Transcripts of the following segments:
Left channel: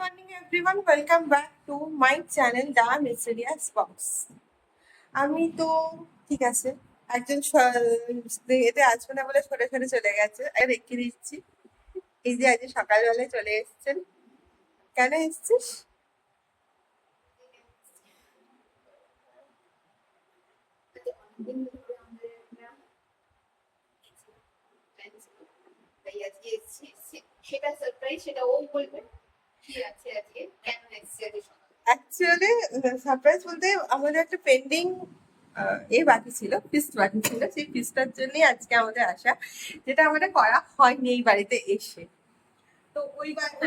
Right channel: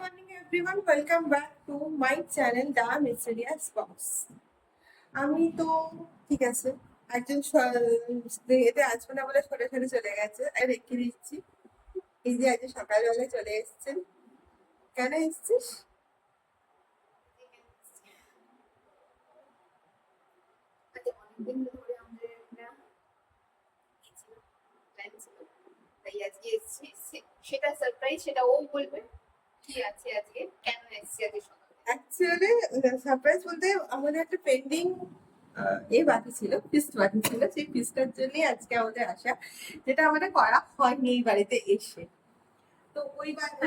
Morning everyone, welcome back to my channel The Mysterious Box. আমি তো ঠিক আছে একজন এতে আসবে না বলে সরে সরে চলে গেছে আর রেখে দিচ্ছি। এই যে আজ সকালবেলায় চলে এসেছেন, কেন এসছিস? অনেকদিন ধরে আমাদের একটা প্ল্যান ছিল, তাই আজকে এসেছি। সেটা সারপ্রাইজ, সেটা ও বলবে কি আছে আজকে, কেন এসেছি আজকে সকালে। অ্যাকচুয়ালি সারপ্রাইজ বলতে আমাদের একটা পেন্ডিং বাকি ছিল, ফিস্ট বাকি ছিল। সেই ফিস্টটার জন্যই আজকে আমাদের আসা, যেটা আমাদের করা হয়নি এই বাড়িতে এসে। তো ওই বাড়িতে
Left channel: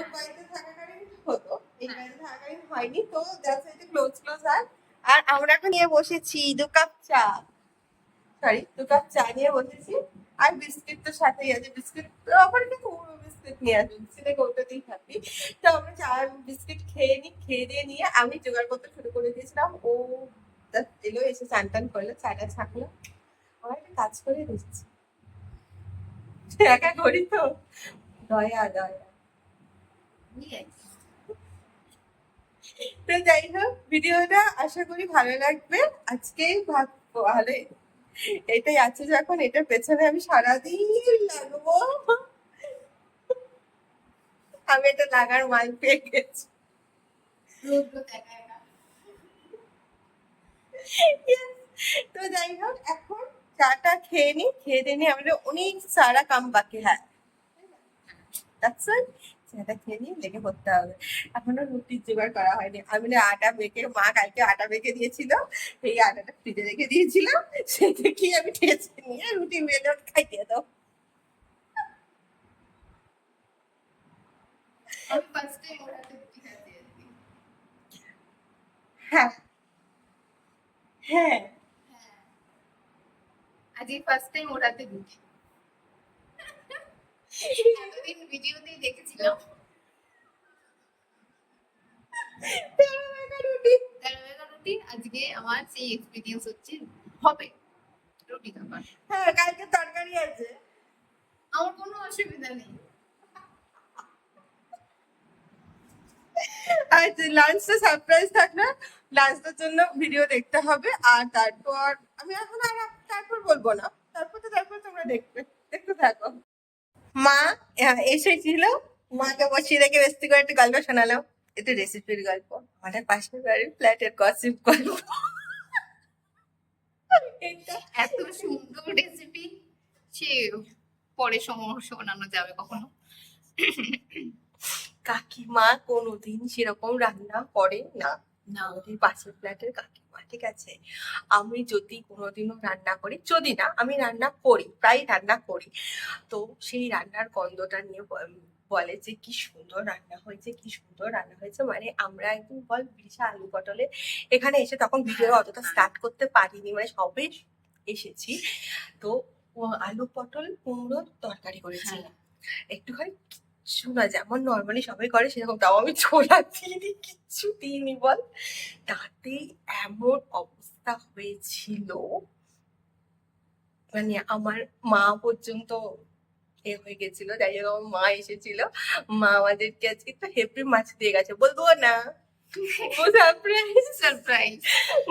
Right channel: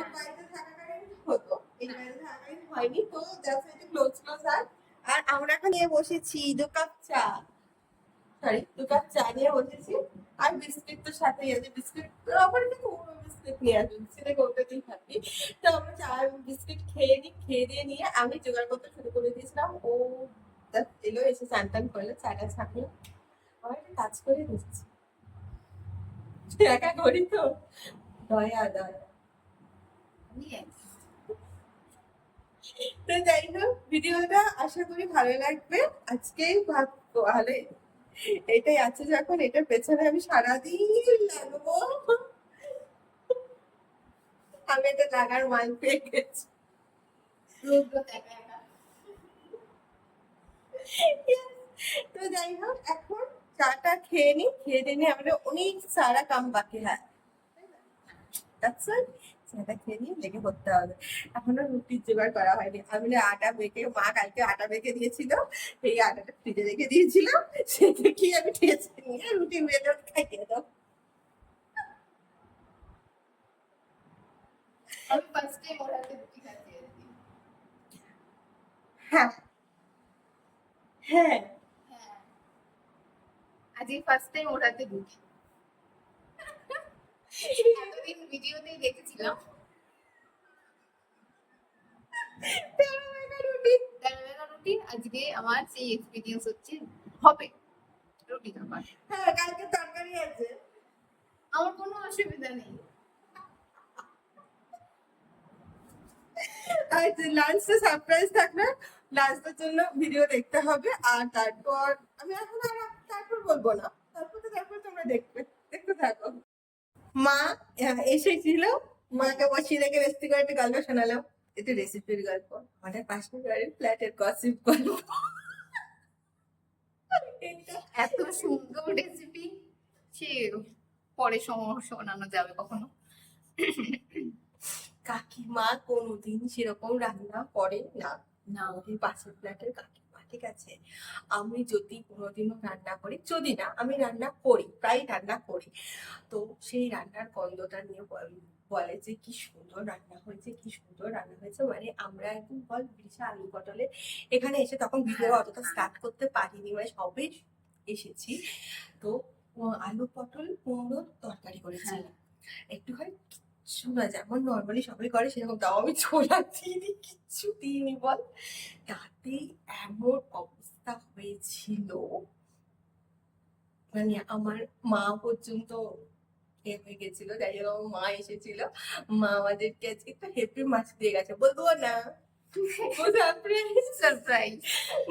থাকাকালীন হতো, এই বাড়িতে থাকাকালীন হয়নি। তো জাস্ট একটু ক্লোজ আর আমরা এখন নিয়ে বসেছি 2 কাপ চা নিয়ে বসেছি। আর বিস্কিট তো সাথেই আছে, বিস্কিট আবার কিন্তু বিস্কিট নিয়ে আসবে, সেটা ওটাতেই থাকি। তো আমরা চা বিস্কিট খেয়ে দিয়ে নিয়ে আমি জোগাড় করতে শুরু করে দিয়েছিলাম। ও এলো, এসে চান টান করলো, চাটা ছাকলো, আমার একটা কাজ করে দিচ্ছি। একা করি তো, দয়া দয়া। তো যাই হোক, ভিডিওটা আশা করি ভালো লাগবে। আজকেই ভালো, এটাই আছে যখন এটার পেছনে আমি সারাদিন লাগবো। আমি এটা লাগার মাল পেয়ে গেছি। তো যাই হোক, এখন চাটা খেয়ে নি, খেয়ে দিয়ে আমাদের অনেক সারা কাম বাকি। হ্যাঁ, চাটা খেয়ে নিয়ে লেগে পড়তে হবে। এখনো রুটির জোগাড় করা হয়নি। আমি আটা মেখে, মা কালকে আটা মেখে দিয়েছিল, সেই আটাটা ফ্রিজে রেখে দিয়েছিলাম, সেটা কি আমি ঠেসে নিয়ে রুটি বেলে খাইয়ে দাও। হ্যাঁ হ্যাঁ, আজকে ফার্স্ট টাইম ওর হাতে রুটি। এতদিন ভিডিওতেই দেখেছিলাম রুটি, আজকে আমার সেই এক্সপিরিয়েন্স হচ্ছে, হবে রুটি খাবার। হ্যাঁ, কালকে তরকারি আছে, আমার কোনো অসুবিধা নেই। আর লাঞ্চটা সারপ্রাইজ থাকলে লাঞ্চটার জন্য ভিডিও দেখতে হবে। আর তারপর আমি এখন আর তারপর বলবো না, তারপর তোমরা দেখতে থাকো। মা এসেছিল, মাকে বসিয়ে রেখে বেশি করে একটু গল্প শোনালাম, একটু রেসিপির গল্প, আমাদের পাশের বাড়ির ফ্ল্যাটের গসিপ গল্প। এত সুন্দর রেসিপি, সে পরে শোনানো যাবে কখনো। কাকিমা কোনোদিন সেরকম রান্না করে না, না, আমাদের পাশের ফ্ল্যাটের কাকিমা, ঠিক আছে? আমি যদি কোনোদিনও রান্না করি, যদি না আমি রান্না করি, প্রায় রান্না করি, তো সেই রান্নার গন্ধটা নিয়ে বলে যে কি সুন্দর রান্না হয়েছে, কি সুন্দর রান্না হয়েছে। মানে আমরা একদম বল বিশাল আলু পটলে এখানে এসে, তখন ভিডিও অতটা স্টার্ট করতে পারিনি, মানে সবে এসেছি। তো আলু পটল কুমড়োর তরকারি করেছি, একটুখানি শোনা যেমন নর্মালি সবাই করে সেরকম, তাও আমি ছোলা দিইনি, কিচ্ছু দিইনি বল। তাতে এমন অবস্থা হয়েছিল, মানে আমার মা পর্যন্ত হয়ে গেছিল। যাই হোক, আমার মা এসেছিল, মা আমাদেরকে আজকে একটু হেপি মাছ দিয়ে গেছে, বলবো না সারপ্রাইজ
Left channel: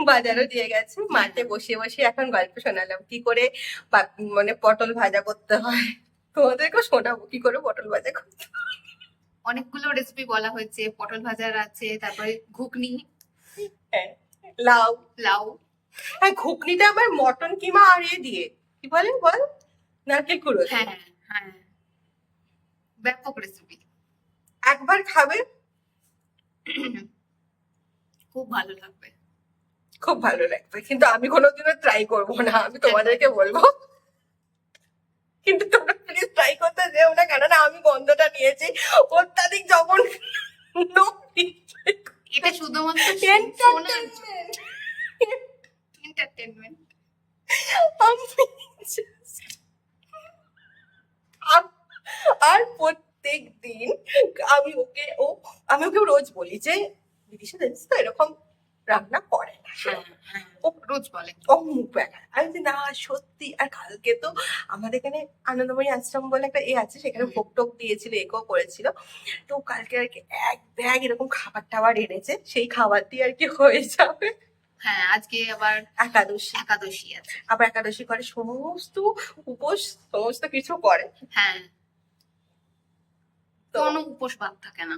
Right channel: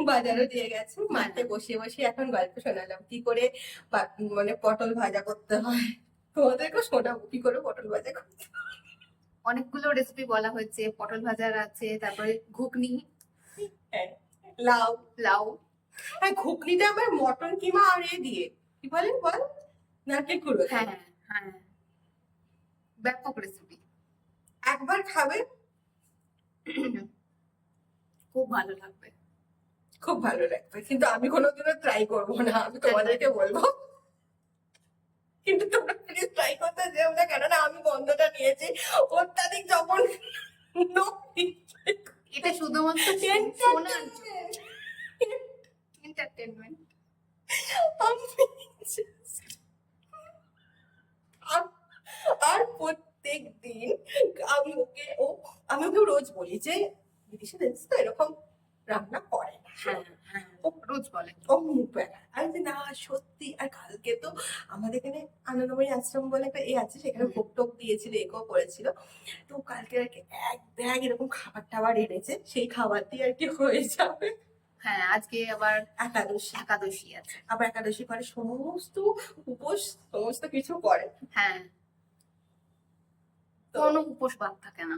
বাজারও দিয়ে গেছে। মাঠে বসে বসে এখন গল্প শোনালাম কি করে মানে পটল ভাজা করতে হয়, তোমাদেরকে শোনাবো কি করে পটল ভাজা করতে হয়। অনেকগুলো রেসিপি বলা হয়েছে, পটল ভাজার আছে, তারপরে ঘুগনি, হ্যাঁ, লাউ লাউ। হ্যাঁ, ঘুগনিটা আবার মটন কিমা আর দিয়ে কি বলে বল, নারকেল কুড়ো। হ্যাঁ হ্যাঁ, ব্যাপক রেসিপি, একবার খাবে, খুব ভালো লাগবে। খুব ভালো লাগবে, কিন্তু আমি কোনোদিনও ট্রাই করবো না, আমি তোমাদেরকে বলবো। কিন্তু তোমরা প্লিজ ট্রাই করতে যেও না, কেননা আমি গন্ধটা নিয়েছি অত্যাধিক, যখন এটা শুধুমাত্র শোনার এন্টারটেনমেন্ট। আর প্রত্যেক দিন আমি ওকে রোজ বলি যে দিদিশা জানিস তো এরকম রান্না করে না। হ্যাঁ হ্যাঁ ও রোজ বলে। ও মুখ বেঁকা। আমি বলছি, না সত্যি। আর কালকে তো আমাদের এখানে আনন্দময়ী আশ্রম বলে একটা আছে, সেখানে হুম। ভোগ টোগ দিয়েছিল, এগো করেছিল। তো কালকে আর কি এক ব্যাগ এরকম খাবার-টাবার এনেছে। সেই খাবার দিয়ে আর কি হয়ে যাবে। হ্যাঁ আজকে আবার একাদশী। একাদশী আছে। আবার একাদশী করে সমস্ত উপোস সমস্ত কিছু করে। হ্যাঁ তো কোনো উপোস বাদ থাকে না।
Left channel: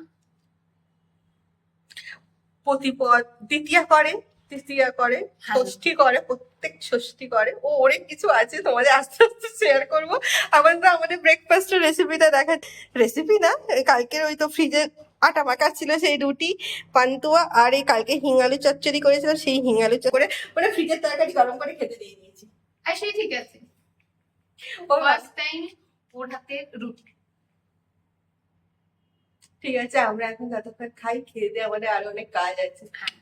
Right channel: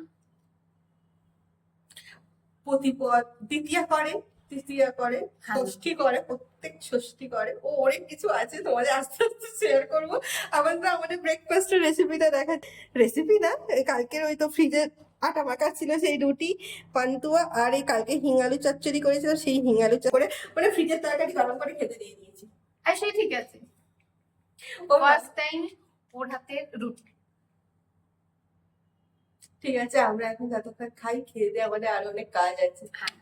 প্রতিপদ দ্বিতীয়া করে, তৃতীয়া করে, হ্যাঁ ষষ্ঠী করে, প্রত্যেক ষষ্ঠী করে। ও অনেক কিছু আছে, তোমাদের আস্তে আস্তে শেয়ার করবো। আবার তো আমাদের ব্রেকফাস্টের রেসিপিটা দেখা, রেসিপি না, এই কালকের ওই তো ফ্রিজে আটা মাখা ছিল, সেই রুটি পান্তুয়া, আর এই কালকে হিঙালু চচ্চড়ি করেছিলাম, সেই হিঙালু করে মানে ফ্রিজের তরকারি গরম করে খেতে দিয়ে দিয়েছি। আর সেই ঠিক আছে। ও ফার্স্ট টাইম ওর হাতে রুটি। ঠিক আছে, আমরা এখন যতক্ষণ খাই, খেয়ে দিয়ে আমাদের আরো অনেক কাজ আছে। হ্যাঁ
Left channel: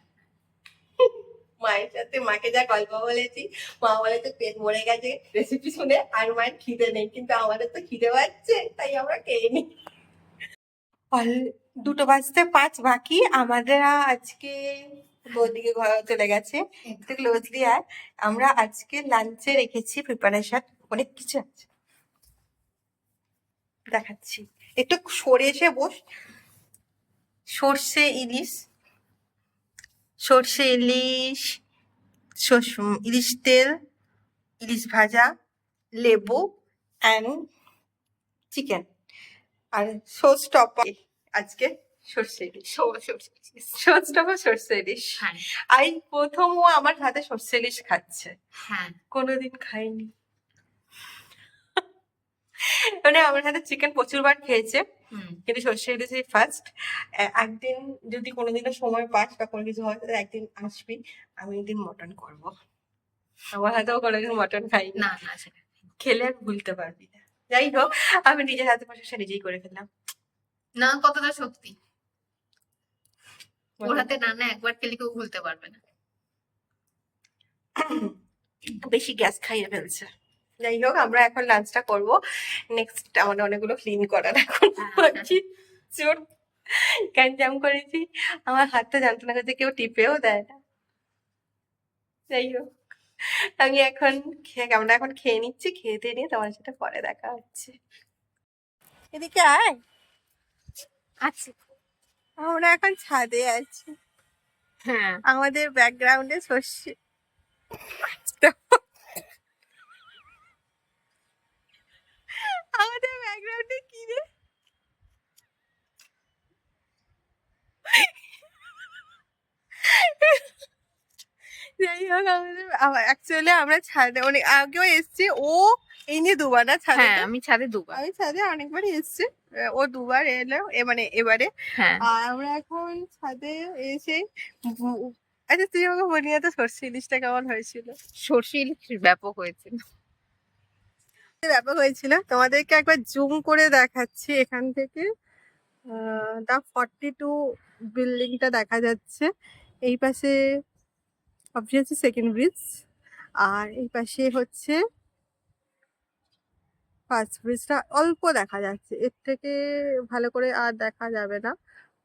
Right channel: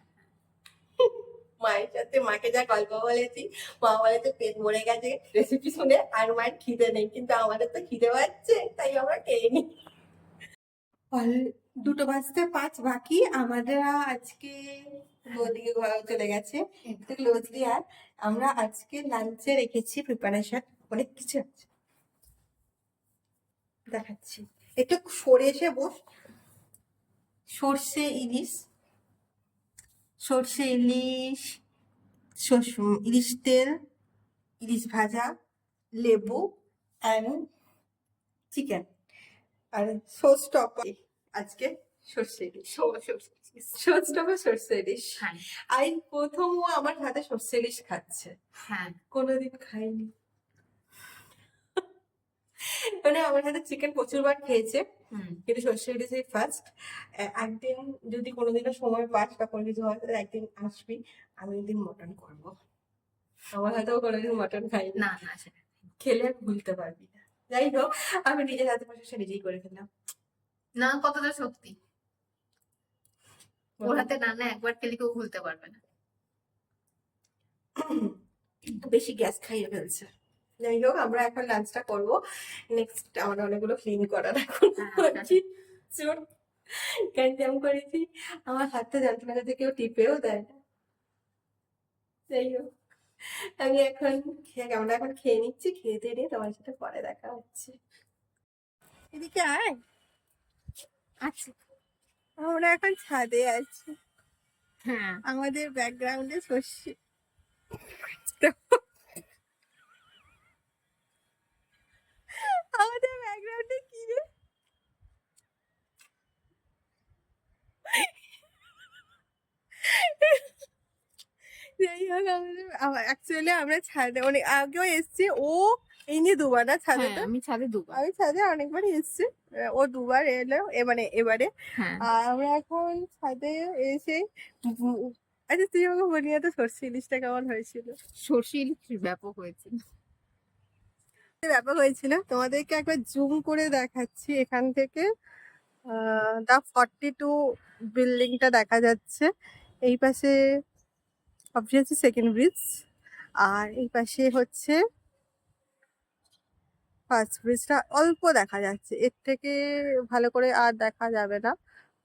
মায়ের সাথে, মাকে যা গল্প বলেছি, মা বলেছে পেট ভরে গেছে রেসিপি শুনে, আর মায়ের খিদে নেই, কিন্তু আমাদের তো খিদে পাচ্ছে, তাই আমরা খেয়ে নিই। 2:05 বাকি আমাদের। আজকে ওদিকে ঘর চলে গেছে, একটু ক্লোজলি। আর আমরা আজকে লাঞ্চে রেখেছি প্রিপারেশন, অনেক কিছু আছে, দেখাচ্ছি। একটু সরে এসে বস। সর্ষে ইলিশ, সর্ষে ইলিশ, ইলিশ তেল, ইলিশ ভাজা, লেবু অ্যান্ড চিকেন, আর সোস টপার আজকে সর্ষে ইলিশ। সোস টপার সর্ষে ইলিশ। হ্যাঁ আই প্রথম ও আমার হাতে সর্ষে ইলিশ খাচ্ছে, হ্যাঁ কোনোদিন খাইনি। মানে আমার হাতে চিকেন প্রচুরবার খেয়েছে, হুম কিন্তু সর্ষে ইলিশ এই ফার্স্ট। একদিন যদি কোনোদিনও সময় পাস বা কোনো কিছু হয়, তাহলে একদিন আসবি, আমি একদিন মটন করবো। আমার হাতেও কোনোদিন মটন খাইনি, না না সেটা খেলে আর ভুলতে পারবি না। যাই হোক, আমি নিজের হাতে প্রশংসা নিজেই করে ফেললাম। না কথাটা সত্যি। ওর হাতে রান্না একবার খেলে কেউ ভুলতে পারবে না। বেশি গ্যাস খাইয়ে ফেলছে। যাই হোক, আমরা এখন লাঞ্চটা করবো। নেক্সট আমাদের অনেকগুলো ক্লিন করার এখন বাকি। চোর গ্যাঞ্জাম করেছি, আমার হাতটা জানতো না যে কেউ টিপেও দেয় না। যাই হোক, আমি এখন আমরা এখন খেয়ে নিচ্ছি, খেয়ে দিয়ে নিয়ে তোমার সাথে পরে দেখা হচ্ছে। এদিকে আয়। আচ্ছা আমরা এখন ছাদে আছি, হ্যাঁ আমাদের ব্যাকগ্রাউন্ডে সর্ষে। আমাদের ব্যাকগ্রাউন্ডে কি রে? যাই হোক, আমাদের অ্যাকচুয়ালি আমরা ছাদে অনেক আগেও এসেছি। ও এই নিয়ে দুবার না ছাদে, হ্যাঁ আমি ছাদে দুবার। আমি ছাদে অনেকবারই এসেছি। ও দুবার এলো, মানে এবারে। হ্যাঁ আর আমরা এখন ছাদে এসে আচ্ছা, তুই আমাকে বলি না তো সর্ষে ইলিশটা কেমন হয়েছিল? সর্ষে ইলিশ ব্যাপক হয়েছিল। ব্যাপক হয়েছিল, তোমাদেরকে একবার জুম করে দেখাচ্ছি এখান থেকে। দা 42 বিল্ডিংটা দেখা যাচ্ছে। এই পাশে অবভিয়াসলি সেকেন্ড ব্রিজ, আর এই পাশে হচ্ছে ফার্স্ট ব্রিজটা। অল্প দেখা যাচ্ছে, এর থেকে ভালো করে আর দেখা যাবে না।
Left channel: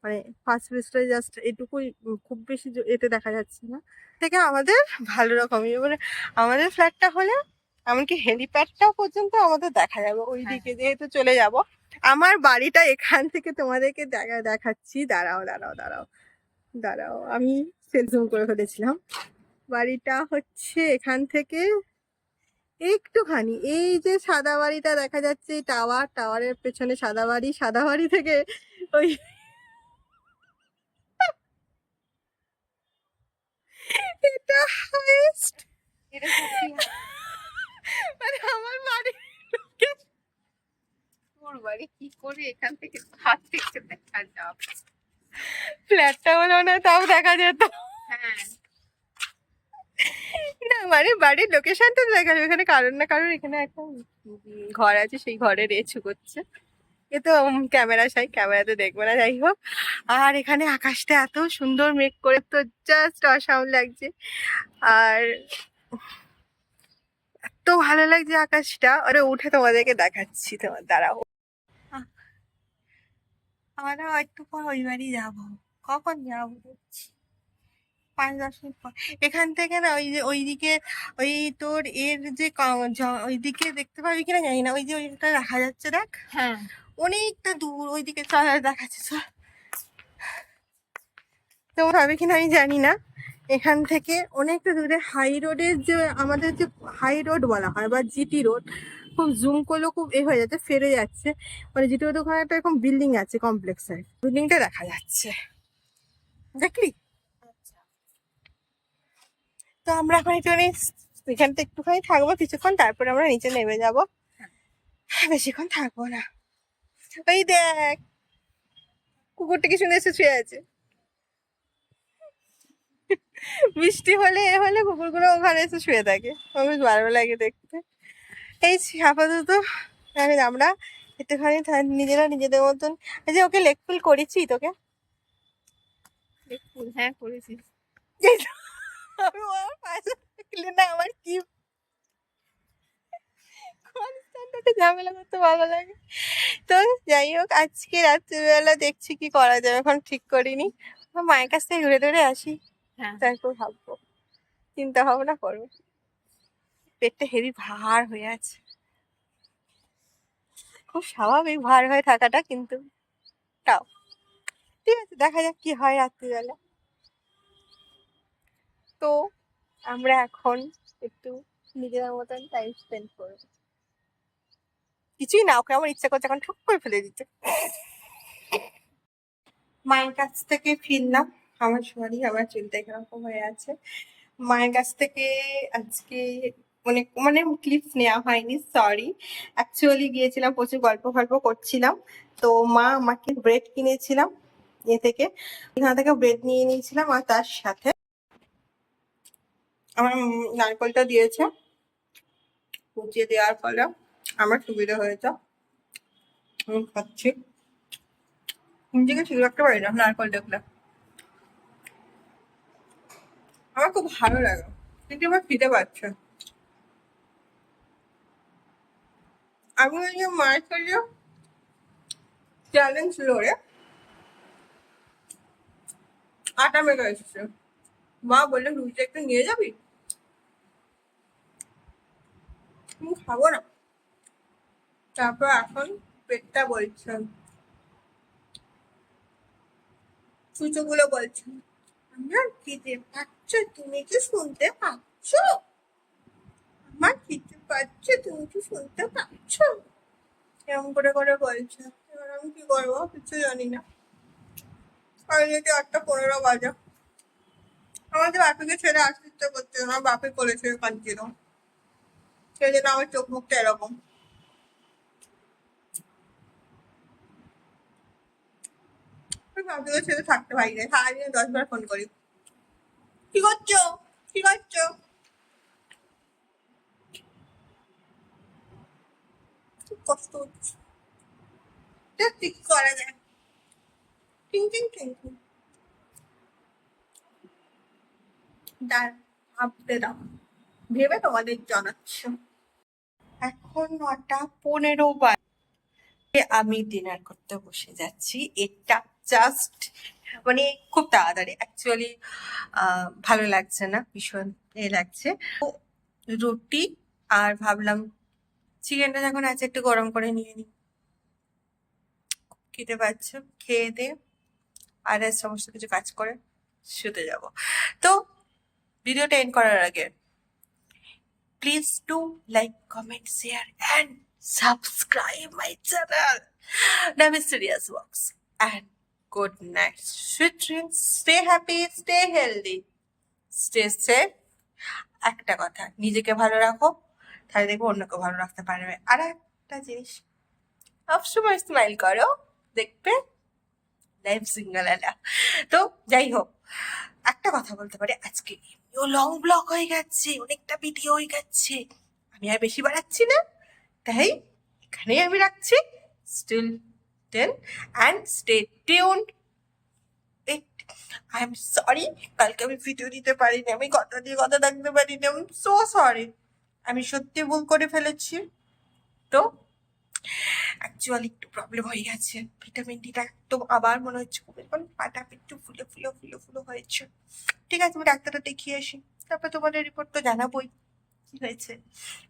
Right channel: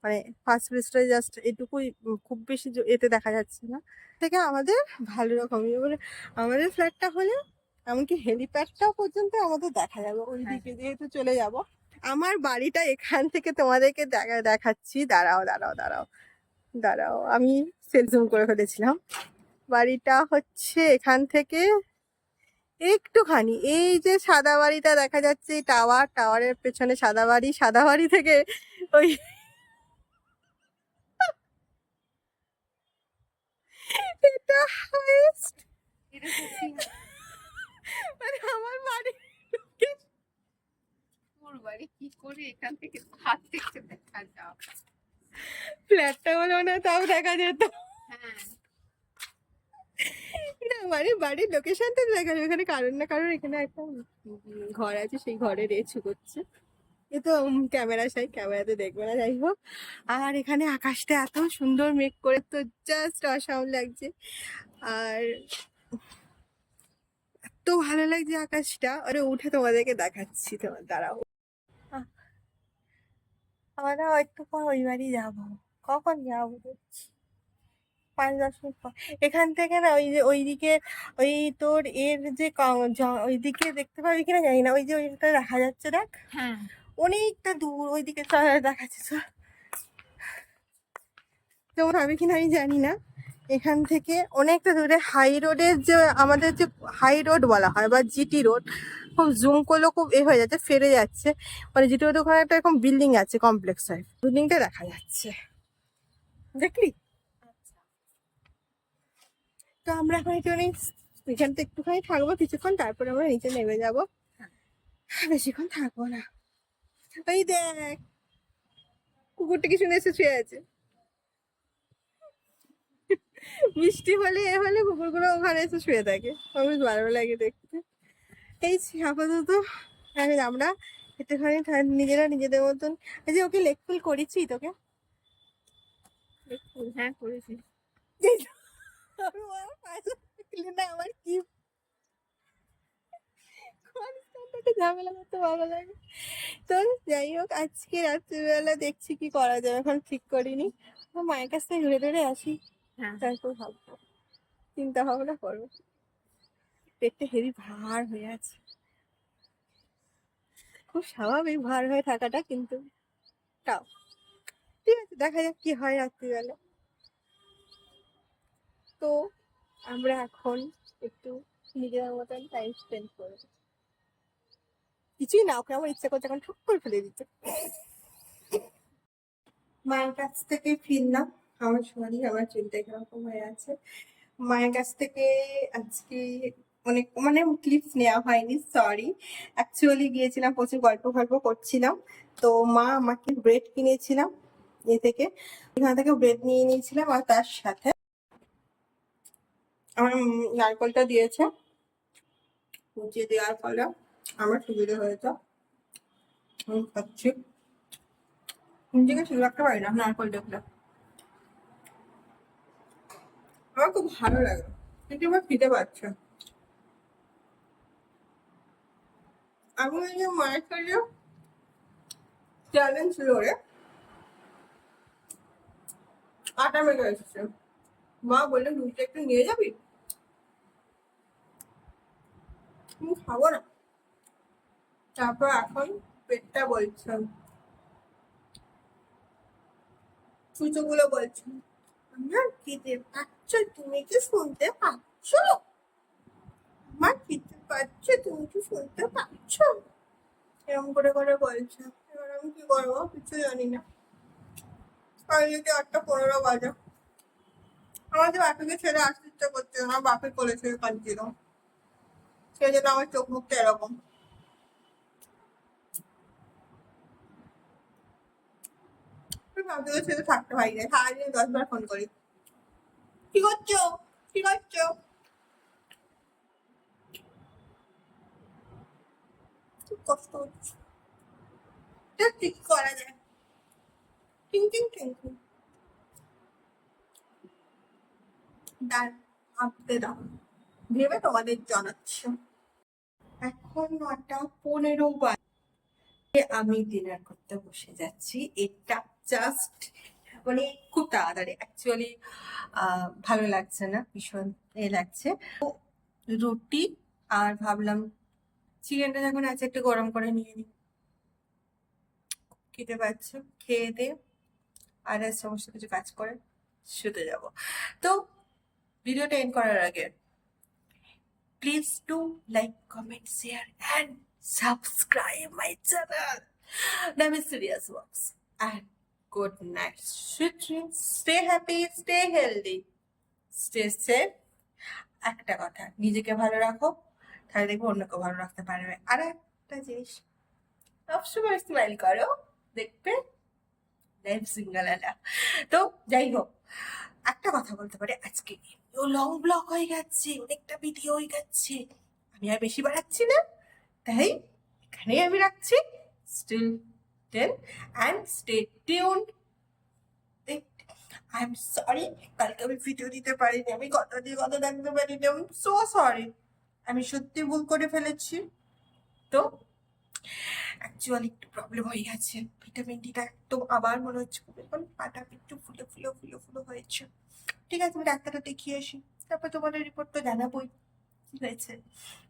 মানে ফার্স্ট ব্রিজটা জাস্ট এটুকুই, খুব বেশি এতে দেখা যাচ্ছে না। থেকে আমাদের ভালো রকমই, মানে আমাদের ফ্ল্যাটটা হলে এমনকি হেলিপ্যাডটাও পর্যন্ত আমাদের দেখা যাবে ওইদিকে, যেহেতু চলে যাব। আমার বাড়িটা এখান থেকে তোমাদেরকে দেখাচ্ছি। দাঁড়াও দাঁড়াও দাঁড়াও দাঁড়াও, আমি সেল জুম করে ফেলেছিলাম। বাড়িটা হচ্ছে এখান থেকে একটুখানি, এই যে সাদা বাড়িটা দেখা যাচ্ছে, টাওয়ারের পেছনে সাদা বাড়ি, সাদা বাড়ি থেকে ওই এটা হাইস্ট, এটা সত্যি মানে আমার বাড়ি। ওর বাড়ি কি করে এখান থেকে হাত থেকে দেখা যাবে? ফ্ল্যাটটা হলো না, তাও দেখা যেত। হ্যাঁ না মানে বাড়ির লোকেশনটা দেখা যাবে, এখানে কারণ না কারণ এখানে একটা ঘর আছে, সেই ঘরে রেছু করছে। এ তো ক্যামেরা সাই, ক্যামেরাতে দেখবো না। যাই হোক, আর এখানে আকাশটা এত সুন্দর মেঘ করে, তো জাস্ট অসাম লাগছে। আর এত ভালো লাগছে আকাশটা, ওরে উঠে তোমাদেরকে দেখাচ্ছি। তোমার দাঁড়াও, আমরা একটু পর ওই বাড়ি যাবো। কখন যাবো? 5-10 মিনিট পর এখান থেকে না ওই যে ওইদিকে ওই তোর এর যে ওইদিকে দেখতে পাবি কিনা জানি না, ওই যে ওইটা দেখা যাচ্ছে দেখ, হ্যাঁ অনেকটা দূর ওইদিকে চল দেখাচ্ছে চল। তোমার হবে কিনা আমি জানি না, এখান থেকে অনেকটা দূরে হাই রোডের যে আমাদের যে হাই রোড বলা হয় বা জিটি রোড, খুব জুম করলেও খুব হয়ে যাচ্ছে, ফেরে যাচ্ছে, মানে জিটি রোড ওখানে একটা এরকম বিল্ডিং আছে কমপ্লেক্স টাইপ, বিল্ডিংটা দেখা যাচ্ছে দেখলি। তো আমরা এখন একটুখানি এখান থেকে একটুখানি থাকবো কিছুক্ষণ, তারপরে আমরা নিচে নেমে যাবো, বেশিক্ষণ থাকবো না। ওই দেখ কুকুরটা কি সুন্দর এসে শুয়ে আছে, বৃষ্টি হলে হলে কুকুরগুলো ওখানে এসে শুয়ে থাকে, আমার বেশ ভালো লাগে দেখতে। এই আপাতত আমরা একটুখানি নিজেরা নিজেদের মতন, এই যে ওকে লেগ ফুল করেছি তোকে, হ্যাঁ করেছি। আমি আমার পাশে থাকলে না আমার কি কনস্ট্যান্ট ঝামেলা করতে ভালো লাগে। তো যাই হোক, আজকে রাত্রিবেলা দেখছি কি করা যাবে, এখন ঠিক করিনি, মায়ের কাছ থেকে ঘুরে ঘুরে আসি, হ্যাঁ তারপর ভাববো, চিন্তা ভাবনা করবো। পেটটা হেভি ভার হয়ে আছে, খুব স্বাভাবিক ভার হয়ে থাকাটা, কিন্তু তাও ঠিক আছে, দেখা যাক কি হয় রাত্রিবেলা। তো আমরা এখন একটু নিজেদের মতন টাইম স্পেন্ড করবো, কিছুই না, ওকে আমার ইচ্ছা করছে এখন ঠুক করে ফেলে দিতে। মায়ের কাছ থেকে ফিরলাম, আমার আমার চুলটা এরকম হয়ে আছে, মায়ের কাছ থেকে আজকে অনেক মানে ক্লিপস নেওয়া হয়নি, সরি, অ্যাকচুয়ালি গিয়েছিলাম, প্রচুর গল্প গল্প করছিলাম। তো মা আমাকে ব্রেড কিনেছিলাম এ থেকে, এখান থেকে ব্রেড নিয়ে নিয়েছিলাম, আর তার সাথে আমার নারকলটা দিয়েছে, কুচিয়ে দেওয়ার ফলে আমার সুবিধা হয়েছে, আমি খাচ্ছি, নিজেকে ঠিক রাখতে পারি না নারকল দেখলে, আমার খুব ভালো লাগে, কিন্তু আমার খিদে পাচ্ছে। আমি ওই যে মায়ের সাথে চ্যালেঞ্জ লড়ে আটা মেখে এসেছে, মা বললে রুটিটা একটু নিয়ে যাবি, আমি খাবো না। তারপর এখন পেটটা বলছে, সুচোগুলো বলছে আমার খিদে পাচ্ছে, তুমি কি শুনতে পাচ্ছ, আমার খিদে পাচ্ছে, তুমি কি শুনতে পাচ্ছ, এরকম করে করে বলছে। এবার আমি কি করবো কিছু জানি না, আর যদি 8:15 বাজে, আমাদের বাপিকে ছেড়ে আসতে ইচ্ছা করছে না, বাপি কোলে ছেড়ে কাঁদছিল, সেই জন্য আমার চোখ মুখটা এরকম। বাপিকে ছেড়ে থাকতে পারি না, সারাদিনে 10 বার ফোন করি, কি করছো কি করছো, খুব কষ্ট হচ্ছে, ঠিক করা যায়, টিং টিং টিং টিং, ভাবতে দাও, ভেবে তোমাদের জানাচ্ছি। এখন 9:15 বাজে, আমি ডিনার করতে বসে যাচ্ছি, এটা জাস্ট মানে খুব তাড়াতাড়ি, অ্যাকচুয়ালি ভালো লাগছে না, ভীষণ লাগছে। তো রুটি আর ভাবলাম চিকেনটা যখন আছে একটু গরম করে নিয়ে নিই, খেতে পাচ্ছ, খেয়ে দিয়ে আর সমস্ত কিছু কাজ করে শুতে যাব। তো ভিডিওটা এন্ড করার আগে please do like, comment, share and subscribe my channel the mysterious works, and good night, sweet dreams, stay happy, stay healthy, stay safe. একটা কথা, নিজেকে ভালো রাখো, তাহলে দেখবো অন্যকে ভালো রাখতে পারবে। আর একটা জিনিস, সবসময় স্মাইল করো, দেখবে লাইফ সিঙ্গেল আলা। তো যাই হোক, একটা কথা বলতে পারি, আজকে ও লং ব্লগ হয়ে গেছে, অনেকটা ভিডিও হয়ে গেছে, আমি আর বেশি বাড়াচ্ছি না, তাই এখানেই আমি রাখছি। Still then and stay tuned. I am sorry, কালকে আমি ভিডিও দিতে পারিনি, আমি কথা দিয়ে কথা রাখতে পারিনি, আই এম সো সরি, আমি সত্যি ভুল করে ফেলেছি। তো অ্যাকচুয়ালি একটু প্রবলেম হয়ে গেছে, ভিটামিন ডিটা একদম আবার মনে হচ্ছে কমে, কারণ পাটা একটু ফুলে ফুলে ফুলে ফুলে হয়েছে। ঠিক আছে, আমি ডাক্তারটা দেখিয়ে আসি, তারপর তোমাদের রিপোর্ট তো জানাবোই কি হয়েছে।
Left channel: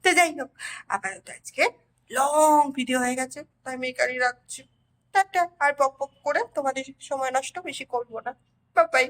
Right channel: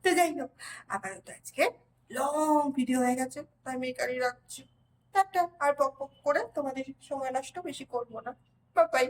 তো যাই হোক, আপাতত আজকে লং ভিডিও হয়ে গেছে, তাই আমি এখানেই রাখছি। টাটা। আর বক বক করে তোমাদের সময় নষ্ট বেশি করবো না। Bye bye.